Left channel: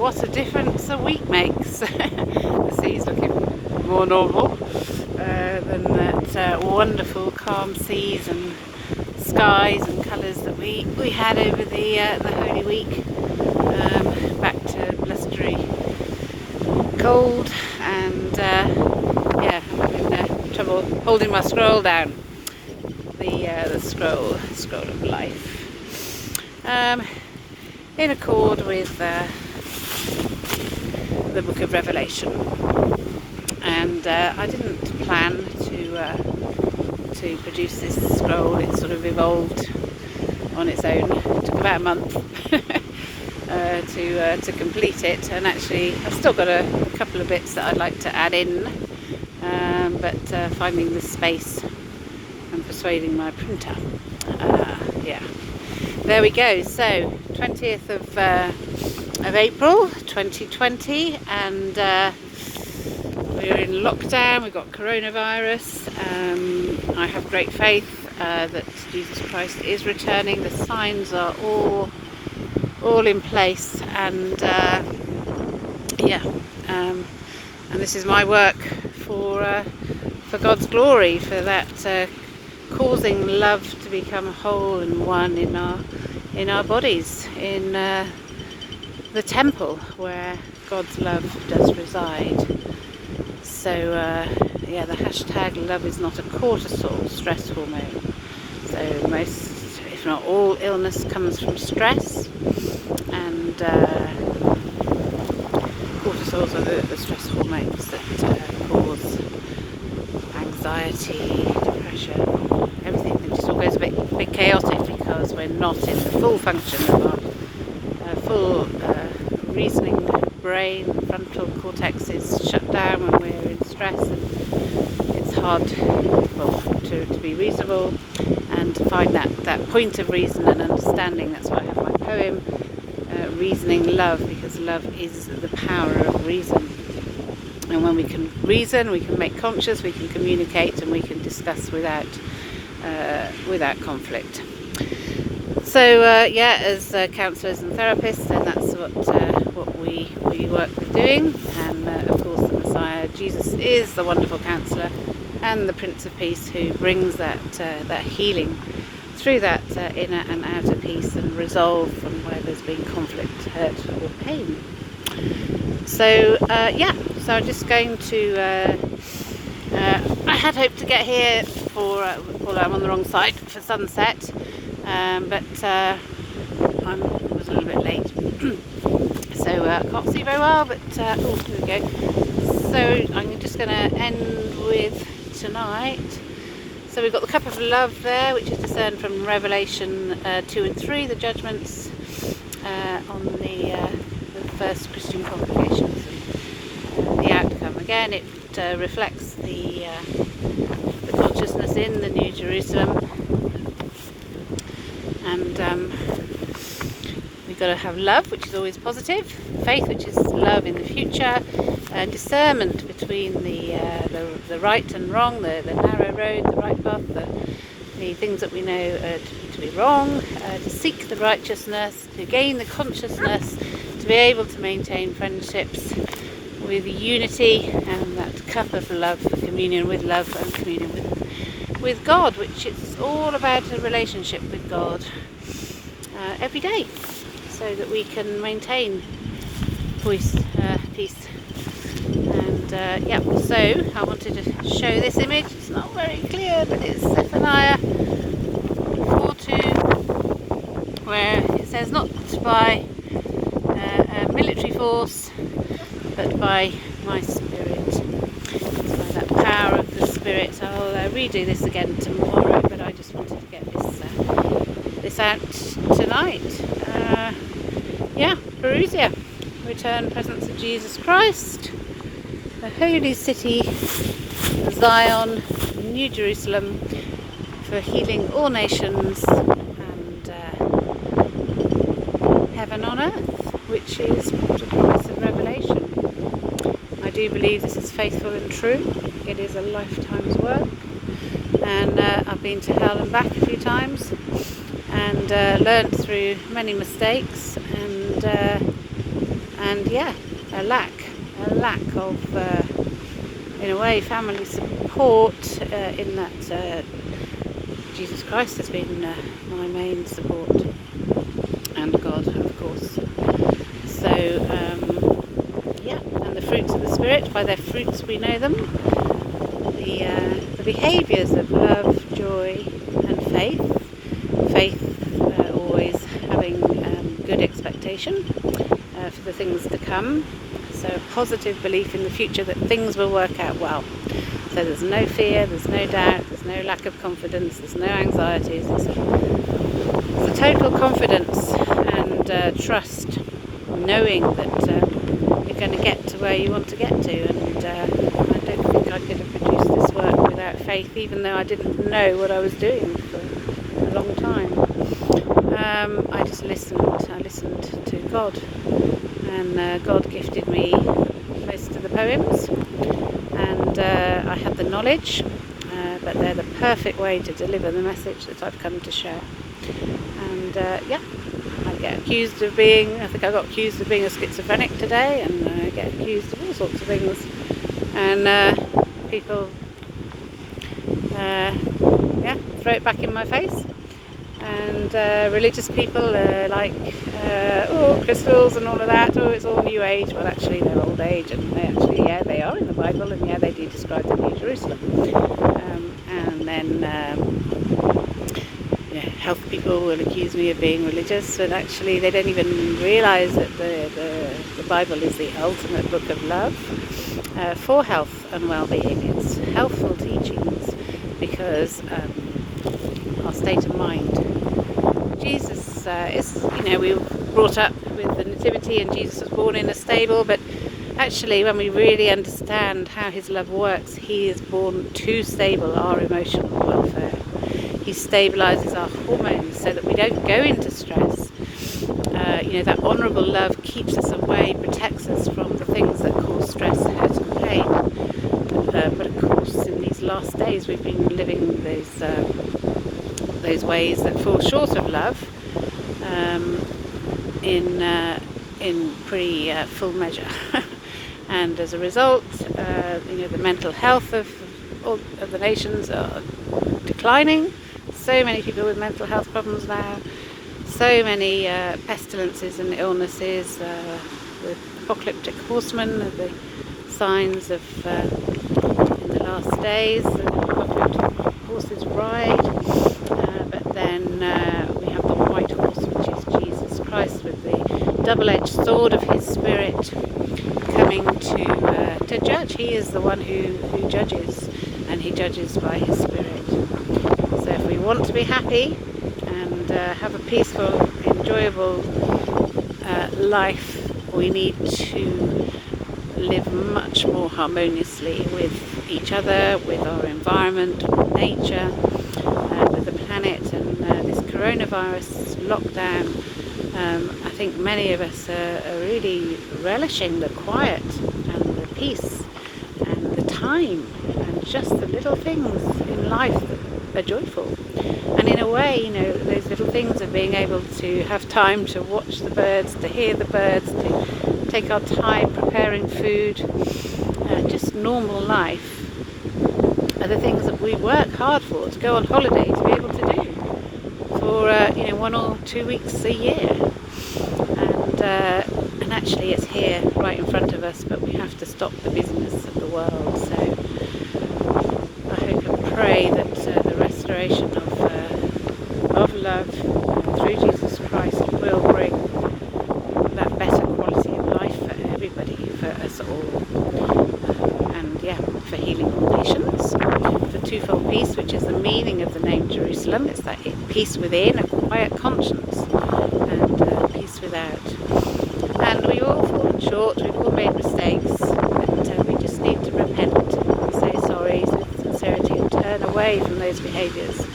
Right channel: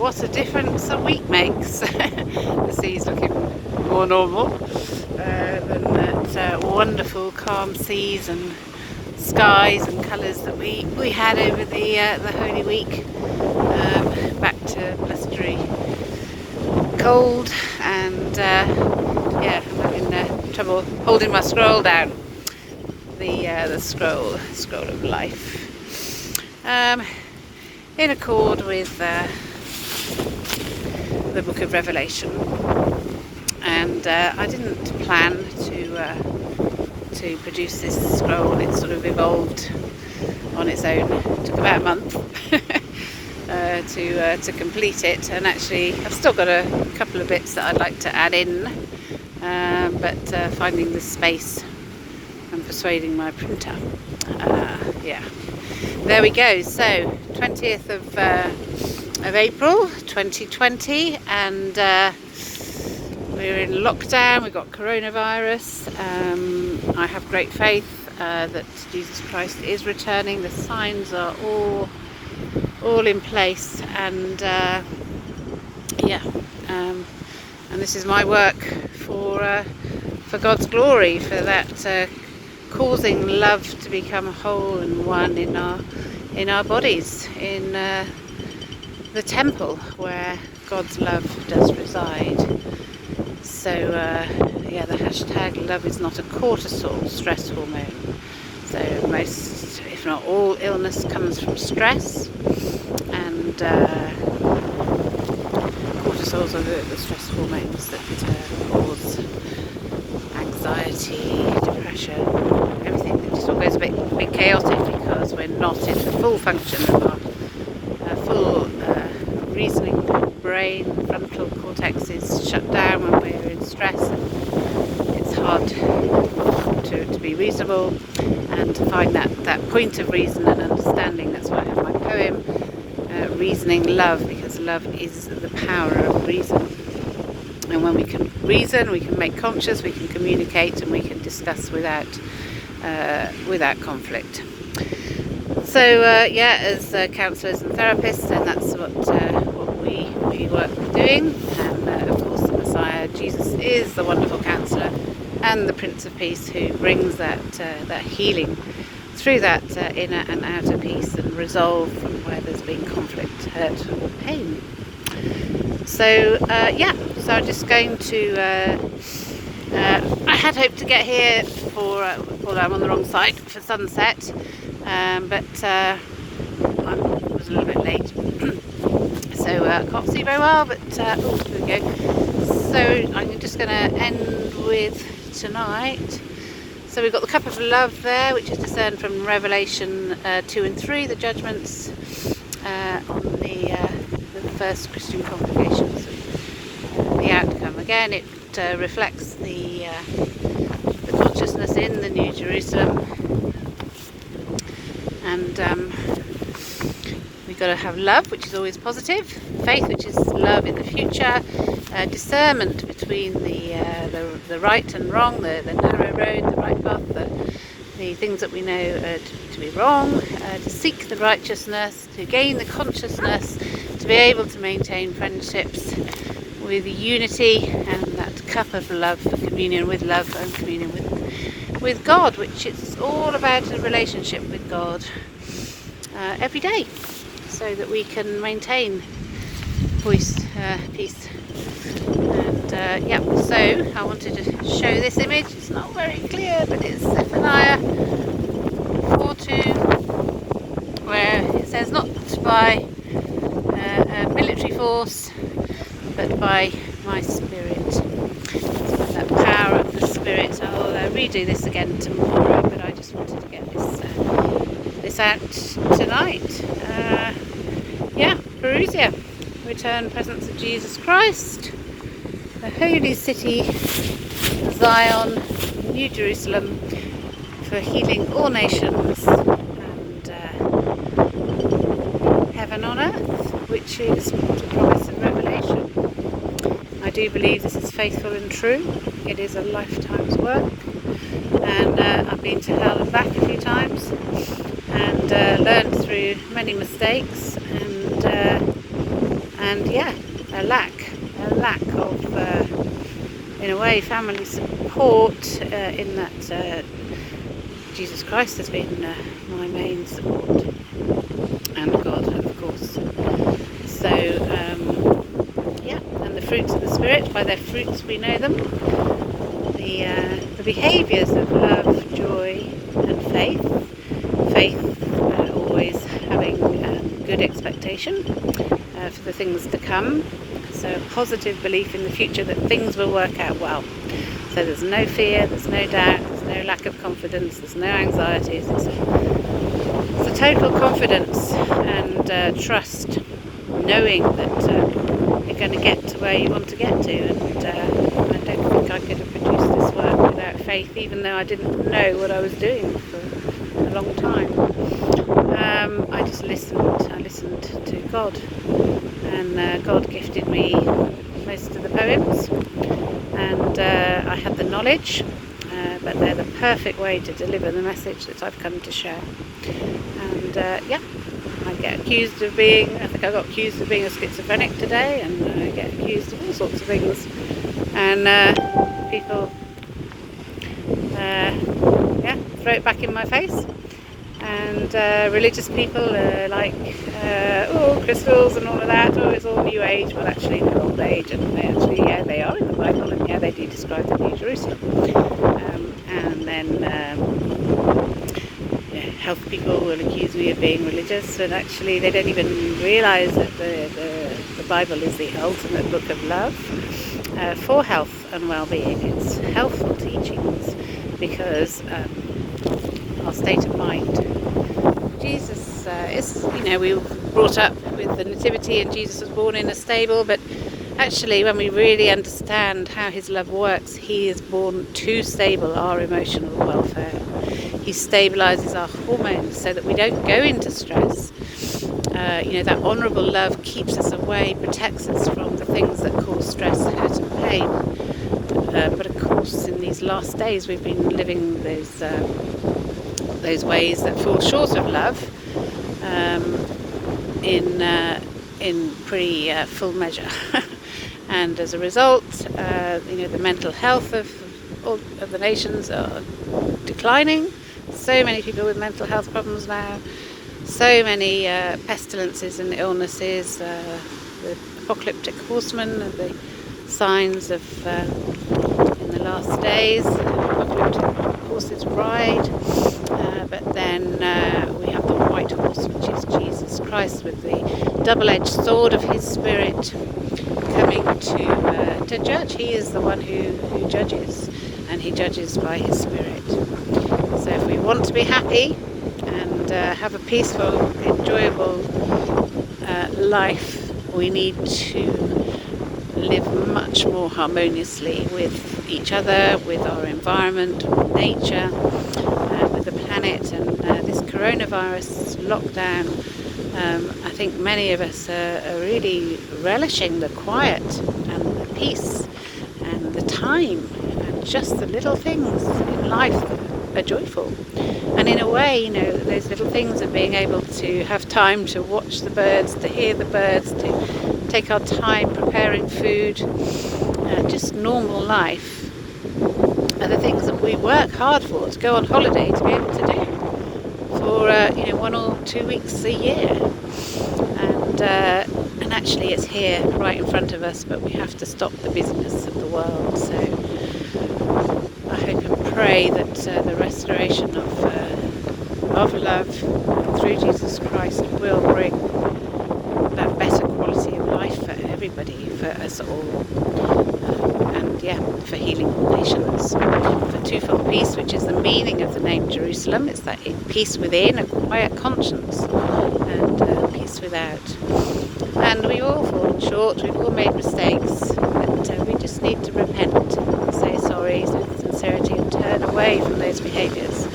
what a difference a week makes. The sea's looking more normal than that wonderful calm seas and skies and colours that we had over the Holy Week. Back to blustery cold, and yeah, I'm having trouble holding my scroll down. The scroll of life, in accord with the Book of Revelation. And I didn't plan to produce this scroll. It sort of evolved on its own. It took about a month to complete it, and actually I've still got a couple of bits that I'd like to add in, but finding the space and persuading my printer. Yeah, there we go. So 20th of April 2020, and we're in lockdown. We've got coronavirus. I have great faith that Jesus Christ is returning. The signs are all in place, and yeah, and this is my work for God's glory, for that causing love to become whole and one in our bodies, in the temple where God's love does reside. So yeah, the hashtag love is not a cortisol stress hormone. So most, if not all, illness comes from stress, and cortisols are the stress hormones that cause anxiety, depression, everything. It just all goes a bit chaotic because we're not in the full function of our full reasoning brain. The frontal cortex is shut down when we're in stress, and it's hard to be reasonable and to find that point of reason and understanding. That's why I have my poem, Reasoning Love, because love is the power of reason. And when we can reason, we can make conscious, we can communicate, and we can discuss without conflict. So yeah, as counsellors and therapists, then that's what we work doing. And of course, the Messiah, Jesus, is the wonderful counsellor and the Prince of Peace, who brings that healing through that inner and outer peace and resolve from where there's been conflict, hurt, or pain. So yeah, so I'm just going to. I had hoped to get here for although I'm on the wrong side for sunset, but I was a little bit late, so I can't see very well. But oh, here we go. So I'm just going to end with tonight. So we've got the cup of love there, which is discerned from Revelation 2 and 3, the judgments on the first Christian congregations. The outcome, again, it reflects the consciousness in the New Jerusalem, and we've got to have love, which is always positive, faith, which is love in the future, discernment between the right and wrong, the narrow road, the right path, the things that we know to be wrong, to seek the righteousness, to gain the consciousness, to be able to maintain friendships with unity, and that cup of love for communion with love and communion with God, which it's all about a relationship with God every day, so that we can maintain peace. And yeah, so I wanted to show this image. It's not very clear, but it's Zephaniah 4:2, where it says, not by a military force, but by my spirit. So that power of the spirit. I'll redo this again tomorrow, but I just wanted to get this out tonight. Yeah, Parousia, return presence of Jesus Christ, the holy city, Zion, New Jerusalem, for healing all nations, and heaven on earth, which is the promise of Revelation. I do believe this is faithful and true. It is a lifetime's work, and I've been to hell and back a few times, and learned through many mistakes, and and yeah, a lack of, in a way, family support, in that Jesus Christ has been my main support, and God, of course. So yeah, and the fruits of the Spirit, by their fruits we know them. The behaviours of love, joy and faith. Always having good expectation for the things to come. So a positive belief in the future that things will work out well. So there's no fear, there's no doubt, there's no lack of confidence, there's no anxieties. It's a total confidence and trust, knowing that you're going to get to where you want to get to. And I don't think I could have produced this work without faith, even though I didn't know what I was doing for a long time. I just listened. I listened to God, and God gifted me most of the poems, and I had the knowledge, but they're the perfect way to deliver the message that I've come to share. And yeah, I get accused of being, I think I got accused of being a schizophrenic today, and I get accused of all sorts of things, and people yeah, throw it back in my face. And religious people are like, oh, crystals and all of that, oh, it's all New Age. Well, actually they're old age, and they actually, yeah, they are in the Bible, and yeah, they do describe the New Jerusalem. And then yeah, health people will accuse me of being religious, and actually they don't even realise that the Bible is the ultimate book of love for health and well-being. It's healthful teachings, because our state of mind. Jesus is, we were brought up with the nativity, and Jesus was born in a stable, but actually when we really understand how his love works, he is born to stable our emotional welfare. He stabilises our hormones so that we don't go into stress. That honourable love keeps us away, protects us from the things that cause stress, hurt and pain. But of course, in these last days, we've been living those ways that fall short of love in pretty full measure. And as a result, the mental health of the nations are declining. So many people with mental health problems now. So many pestilences and illnesses. The apocalyptic horsemen are the signs of in the last days. Horses ride, but then we have the white horse, which is Jesus Christ, with the double-edged sword of his Spirit, coming to judge. He is the one who judges, and he judges by his Spirit. So if we want to be happy and have a peaceful, enjoyable life, we need to live much more harmoniously with each other, with our environment, with nature, with the planet. And this coronavirus lockdown, I think many of us are really relishing the quiet and the peace and the time and just the little things in life that are joyful. And in a way, those little things of being able to have time to watch the birds, to hear the birds, to take our time preparing food, just normal life, are the things that we work hard for, to go on holiday to be able to do for 1 or 2 weeks a year. And actually it's here right in front of us, but we have to stop the busyness of the world. So I hope and pray that the restoration of love through Jesus Christ will bring that better quality of life for everybody, for us all. And yeah, for healing all nations, for twofold peace, which is the meaning of the name Jerusalem. It's that peace within, a quiet conscience, and peace without. And we've all fallen short, we've all made mistakes, but we just need to repent and say sorry with sincerity and turn away from those behaviours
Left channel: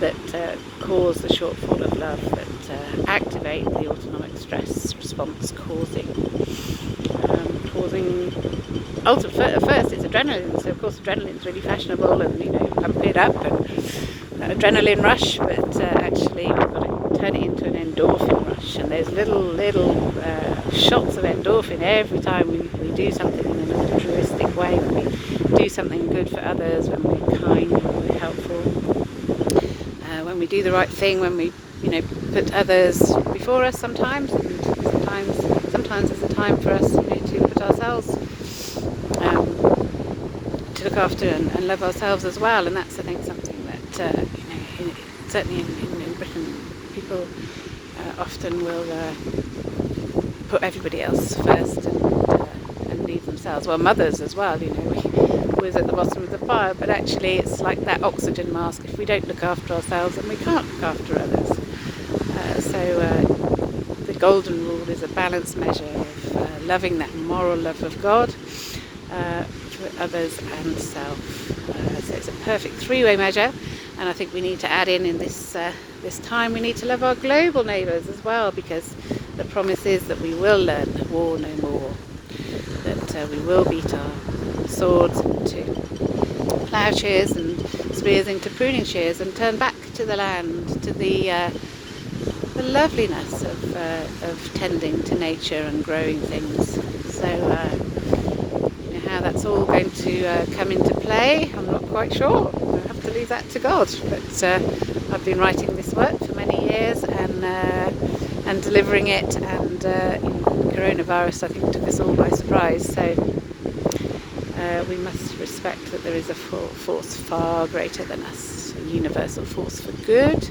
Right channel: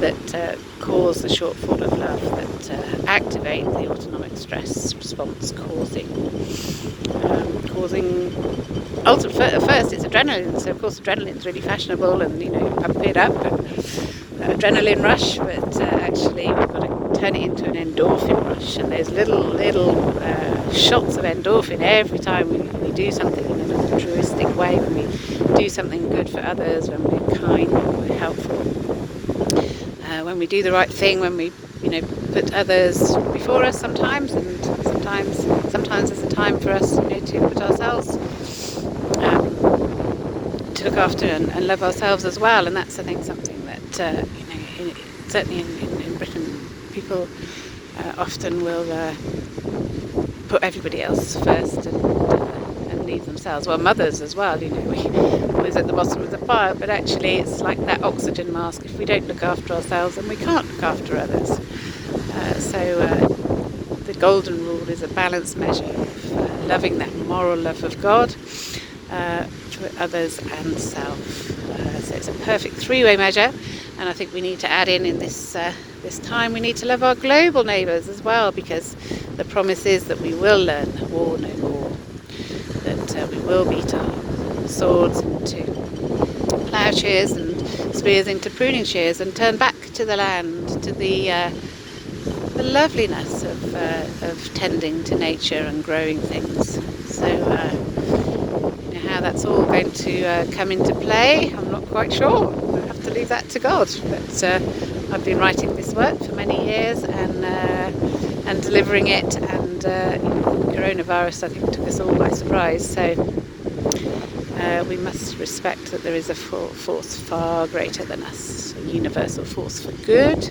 that cause the shortfall of love, that activate the autonomic stress response, causing at first it's adrenaline. So of course adrenaline's really fashionable, and pump it up, and adrenaline rush, but actually we've got to turn it into an endorphin rush, and there's little shots of endorphin every time we do something in an altruistic way, when we do something good for others, when we're kind, when we're helpful, when we do the right thing, when we put others before us sometimes, and sometimes there's a time for us to put ourselves, to look after and love ourselves as well. And that's, I think, something that certainly in Britain, people often will put everybody else first and leave themselves. Well, mothers as well, we're always at the bottom of the pile, but actually it's like that oxygen mask. If we don't look after ourselves, then we can't look after others. So the golden rule is a balanced measure of loving that moral love of God for others and self. So it's a perfect three-way measure, and I think we need to add in this time, we need to love our global neighbours as well, because the promise is that we will learn war no more, that we will beat our swords into ploughshares and spears into pruning shears, and turn back to the land, to the loveliness of tending to nature and growing things. So how that's all going to come into play, I'm not quite sure. I'll have to leave that to God. But I've been writing this work for many years and delivering it, and coronavirus, I think, took us all by surprise. So we must respect that there is a force far greater than us, a universal force for good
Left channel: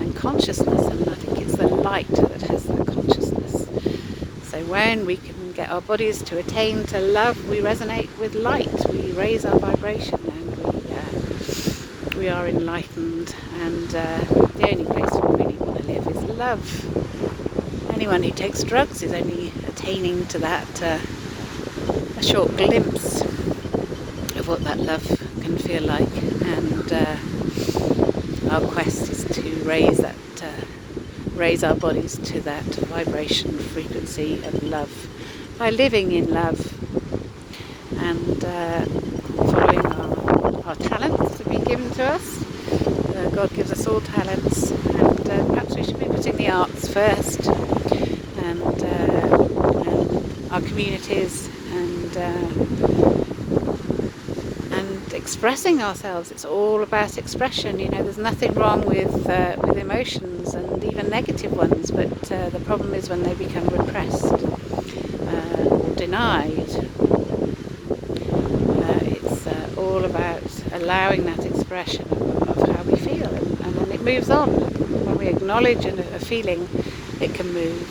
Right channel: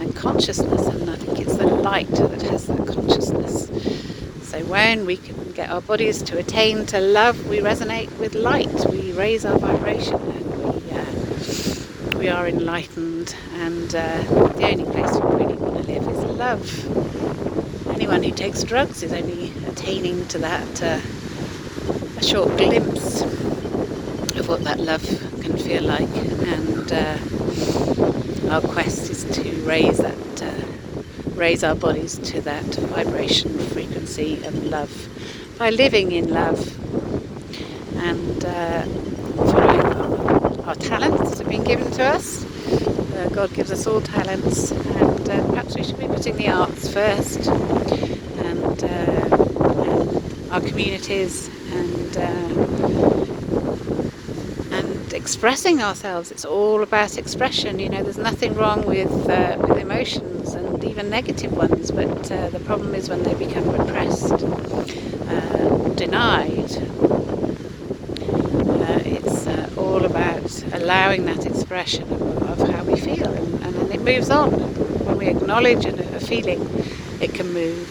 and consciousness, and I think it's the light that has that consciousness. So when we can get our bodies to attain to love, we resonate with light, we raise our vibration, and we are enlightened, and the only place we really want to live is love. Anyone who takes drugs is only attaining to that, a short glimpse of what that love can feel like, and our quest is to raise our bodies to that vibration frequency of love by living in love and following our talents that have been given to us. God gives us all talents, and perhaps we should be putting the arts first, and our communities, and expressing ourselves. It's all about expression. There's nothing wrong with emotions, and even negative ones, but the problem is when they become repressed or denied. It's all about allowing that expression of how we feel, and then it moves on. When we acknowledge a feeling, it can move.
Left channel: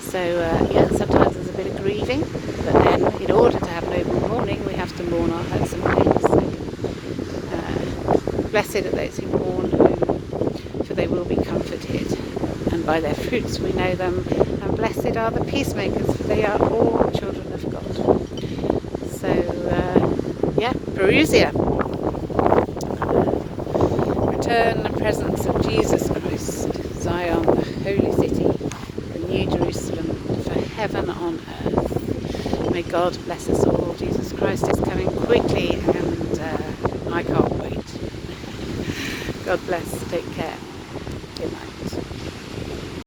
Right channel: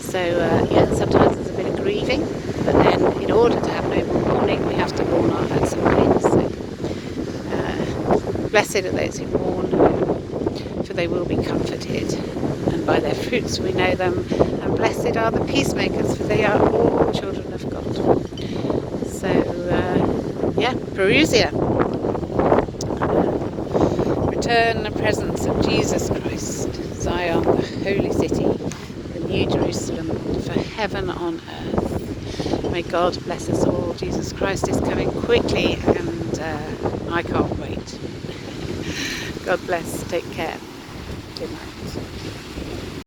So sometimes there's a bit of grieving, but then in order to have noble mourning, we have to mourn our hurts and pains. Blessed are those who mourn, for they will be comforted, and by their fruits we know them. And blessed are the peacemakers, for they are all children of God. So Parousia, return and presence of Jesus Christ, Zion, the holy city, the new Jerusalem, for heaven on earth. May God bless us all. Jesus Christ is coming quickly, and I can't wait. God bless. Take care. Good night.